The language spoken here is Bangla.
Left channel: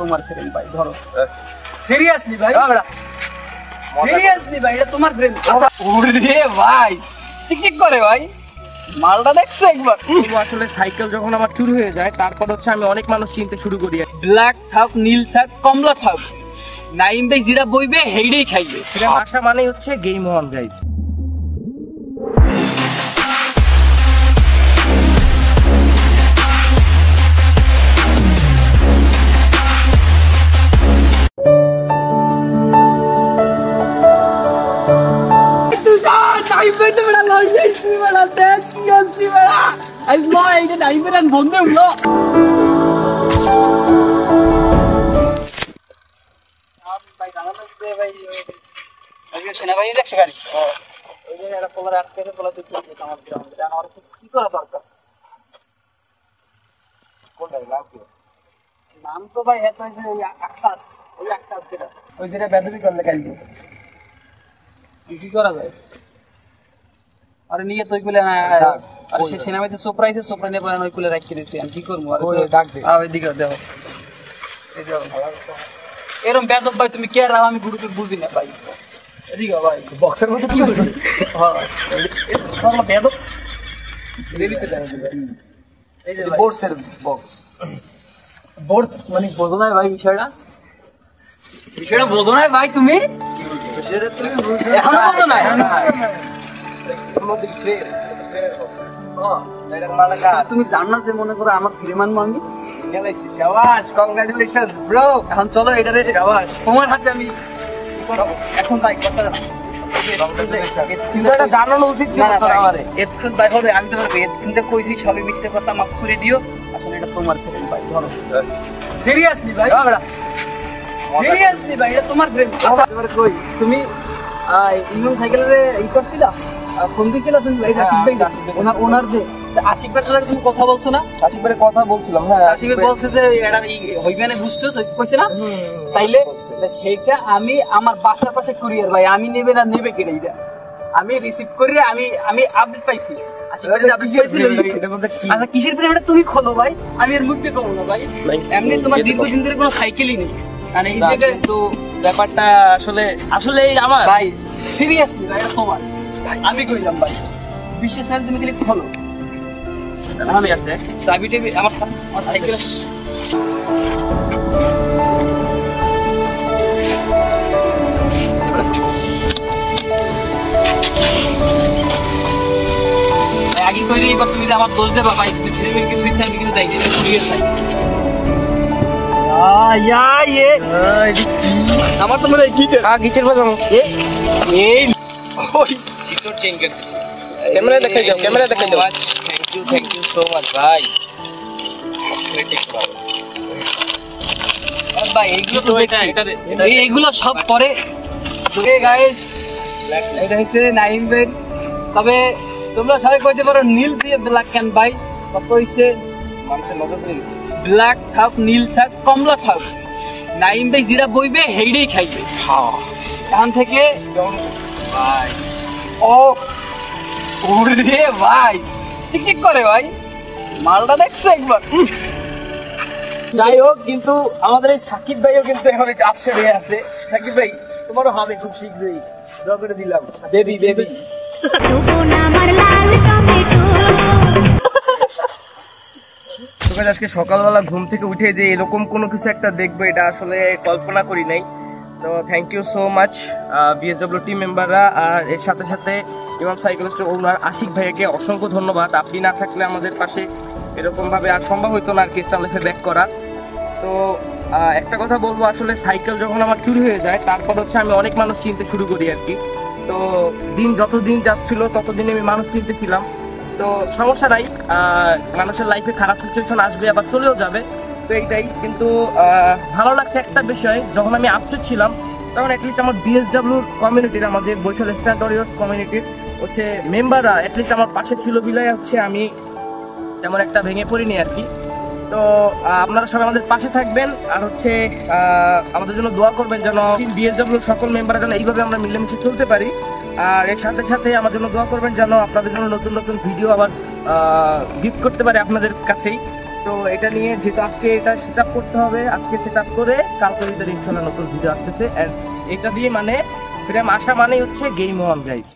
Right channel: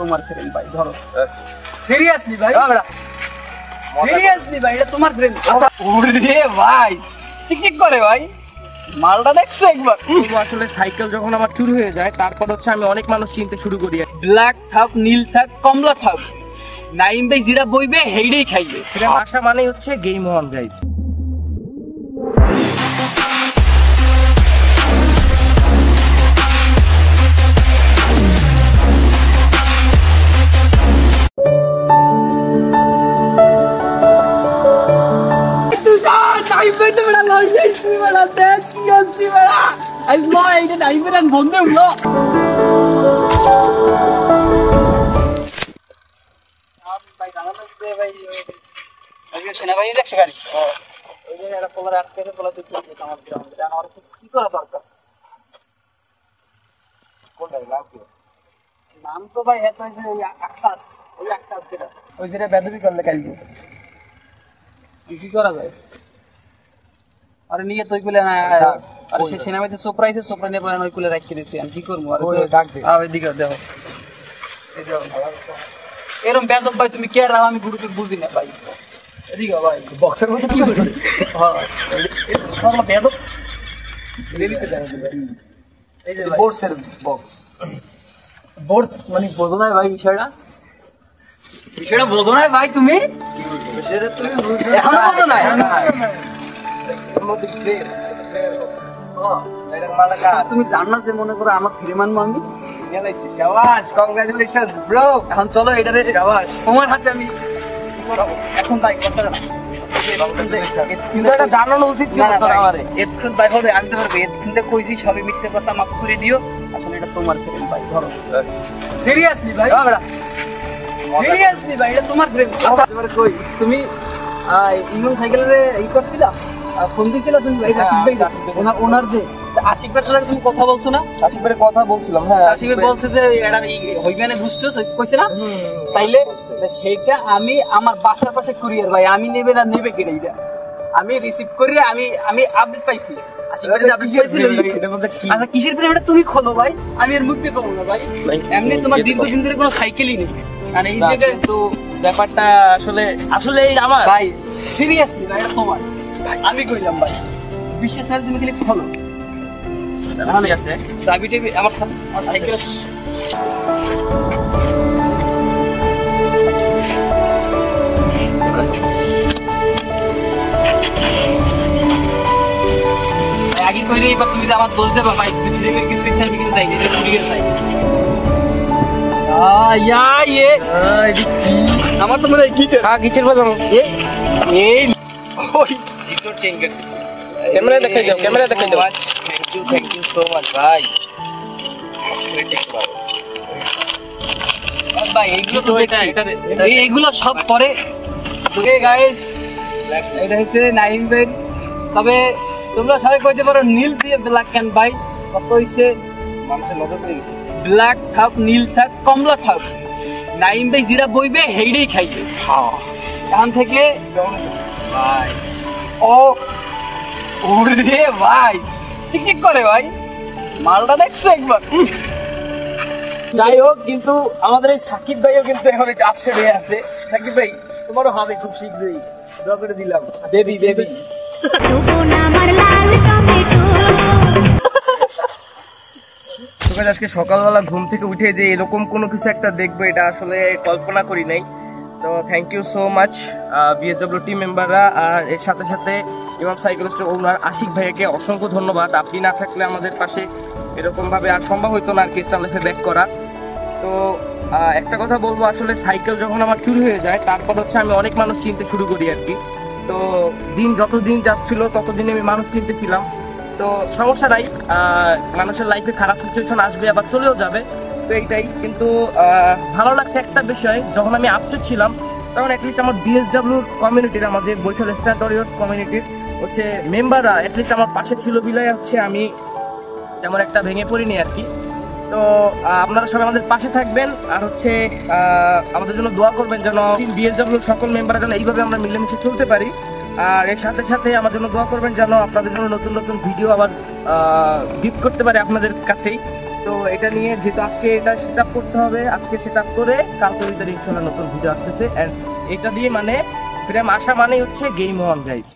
তোমার ফ্রেন্ড ভাই, ধরো সিরিয়াসলি ভাই, সিরিয়াসলি ভাই, এটা তোমার ফ্রেন্ড। ওরে ভাই চিকচিক করে ভাই, মালটা দেখছো একবার? আসলে সাইকেল যখন আমার চুরি হয়ে যায় তারপর হচ্ছে আমি অনেক মানুষ চিনতে শুরু করি। ব্ল্যাক থাক, নীল থাক, কমলা থাক, নাইম ভাই যেটা বইবে হেইডেই খাইবে। এটা আশা মানেই হচ্ছে গেম অন গাইস। সেনাবাহিনী দেখছে গাড়ি, ওই যে একটা পোলার আটকে পোলা তুই আমার কি করা দরকার? নাম তো ভাই এত ওই আকাশ, ওই আকাশ যেটা, ওই যেটা ব্যাটারি করলে গাড়ি কি করা যায়? আরে নিয়ে তুই বলে না, আরে সে সেনাবাহিনীতে সোপরা আইছে, সোপরা নিয়ে বলেন ওই কুলে রাখিয়ে দিচ্ছি, আমি কি করবো? ওইদিকে দেখো, এই যাও এরকম বেদব ভাই তুমি কে রাও, আমি গুরুকে বুঝি না ভাই। এদিকে ভাই বক্সের মধ্যে কি বলি বেদব, এদিকে দেন এই যে বোর্ডসের বক্স, বোর্ডস মানে বোঝো না ভাই বিষয়টা, বিষয়টা বোঝো না ভাই তুমি, এখনো বোঝো না? তুমি জানো যে মনে করো আমার প্রেমান আমি কংগ্রাচুলেশন ব্রো। এখন চলো এটারে তোমার হাতে আমি এখন তাই করতে না, জানানো উচিত ছিল আমার। এতক্ষণ তারপরে আমি তোমার এতক্ষণটা কইছি সবই মিথ্যে কথা, মাফ করে দিও। আসলে এটা তোমার প্রেম ভাই, ধরো সিরিয়াসলি ভাই, সিরিয়াসলি ভাই, এটা তোমার প্রেম। তুমি ইমন সাইকেলে ই করছিলা, ফোন দিয়েছিল তুমি ওনার যে আশিক ভাইয়ের সাথে তুমি কথা বলছো না? আশিক ভাইয়ের কথা বলছিলাম, হ্যাঁ। আশিক ভাই বলছে যে এটা হইবে বুঝছো কইছে না? তাইলে সেইটা আমি আমার পাশার পাশে কুরিয়ার ভাই, আমি নেবে না নেবে কিনা এটা আমি রিসিভ করে আমি আপডেট পাইছি। আশিক ভাই আপডেট পাইছি। আচ্ছা কিসের প্রেম তুমি খোলো ভাই, আমি এর মুক্তি পাবো না ভাই। এমনি তোমার দীর্ঘদিন ধরে কোনো সাইকেলই নেই, আর এই জায়গায় তো ব্যাপারটা আসলে আমার ভাই সিরিয়াসলি ভাই, তোমার আমি কইলাম ভাই বিশ্বাস না, তুমি খালি খোলো। আমি আছে চাবিটা আমার সাইকেল আগে কইলে এবার তুমি আমার দোষ দেবা ভাই, তুমি কিছু চাই কিছু চাই আমার তো মনে হয় গিটার বাজানো এই ওই চিত্র চেঞ্জ করে দিছি। ক্যামেরা দেখাই দাও, ক্যামেরা দেখাই দাও। থ্যাংক ইউ সো মাচ ভাই। ভাই এইগুলো তো এইগুলো সব পরে ওকে গাইস, এটা হচ্ছে নাইম ভাই। তবে তোমরা সবাই কইতে পারো নীল দিয়ে ব্ল্যাক কেন ভাই, কত হইছে মানুষের নজর পড়ে গেছে। ব্ল্যাক থাক, নীল থাক, কমলা থাক, নাইম ভাই যেটা বইবে হেইডেই খাইবে। এখান থেকে ভাই ওরে ভাই চিকচিক করে ভাই, মালটা দেখছো একবার? যাই হোক, কিন্তু আমাদের এই সাকিব ভাইও কিন্তু এখন একটা আপসেট হয়ে আছে। সাকিব ভাই তোমারও হবে খুব শীঘ্রই, দোয়া করে দিলাম। বেবি বেবি আজকে সকালবেলা ঘুম থেকে উঠে যে এরকম কোনো কিছু একটা দেখবো এটা আসলে কল্পনা করি নাই। তো thank you so much BSW team মেম্বাররা, আর এর সাথে সাথে ইমাম সাইকেল স্টোর ওনার আশিক ভাইকে অসংখ্য ধন্যবাদ। আপনি না থাকলে আমাদের পাশে এরকমভাবে আর সম্ভব হতো না আর কি স্টার লাইফে ব্যাক করা। তো একটা কথা বলবো, আসলে সাইকেল যখন আমার চুরি হয়ে যায় তারপর হচ্ছে আমি অনেক মানুষ চিনতে শুরু করি আর কি। তো যতদিন যাচ্ছিল ততদিন আমি মানুষ চিনতেছিলাম। তো সমস্যা নাই, মানুষের লাইফে খারাপ সিচুয়েশন আসবে আবার চলেও যাবে, তো এইটাই। কিন্তু ভালো লাগছে একটা বিষয়, যখন আমি আপসেট ছিলাম তখন অ্যাটলিস্ট আমার বিএসডব্লিউ কমিউনিটির, আমাদের বরিশাল স্ট্যান্ড ওয়ারিয়র্স কমিউনিটির হচ্ছে মেম্বাররা অ্যাটলিস্ট আমার পাশে ছিল বিলাই হচ্ছে আমি তেমন একটা ভেঙে পড়িনি আর কি। তো আপনারা সবাই আমাদের পাশে থাকবেন, আর হচ্ছে আমাদের জন্য দোয়া করবেন যেন বিএসডব্লিউ সকল মেম্বাররা যেন এইভাবে আমরা মিলেমিশে চলতে পারি। আর এর সাথে সাথে আমার জন্য দোয়া করবেন যেন আপনাদের জন্য নতুন নতুন ভিডিও আবার গিফট করতে পারে আপনাদের কাছেই। তো এটা নিয়ে যেহেতু আজকে এটা সেট আপ করতে হবে, আজকে সেট আপ করে কালকে ভিতরে ইনশাল্লাহ নতুন ভিডিও আসতেছে। অ্যান্ড এটা দিয়ে মানে ফ্রেম আসা মানেই হচ্ছে গেম অন গাইস।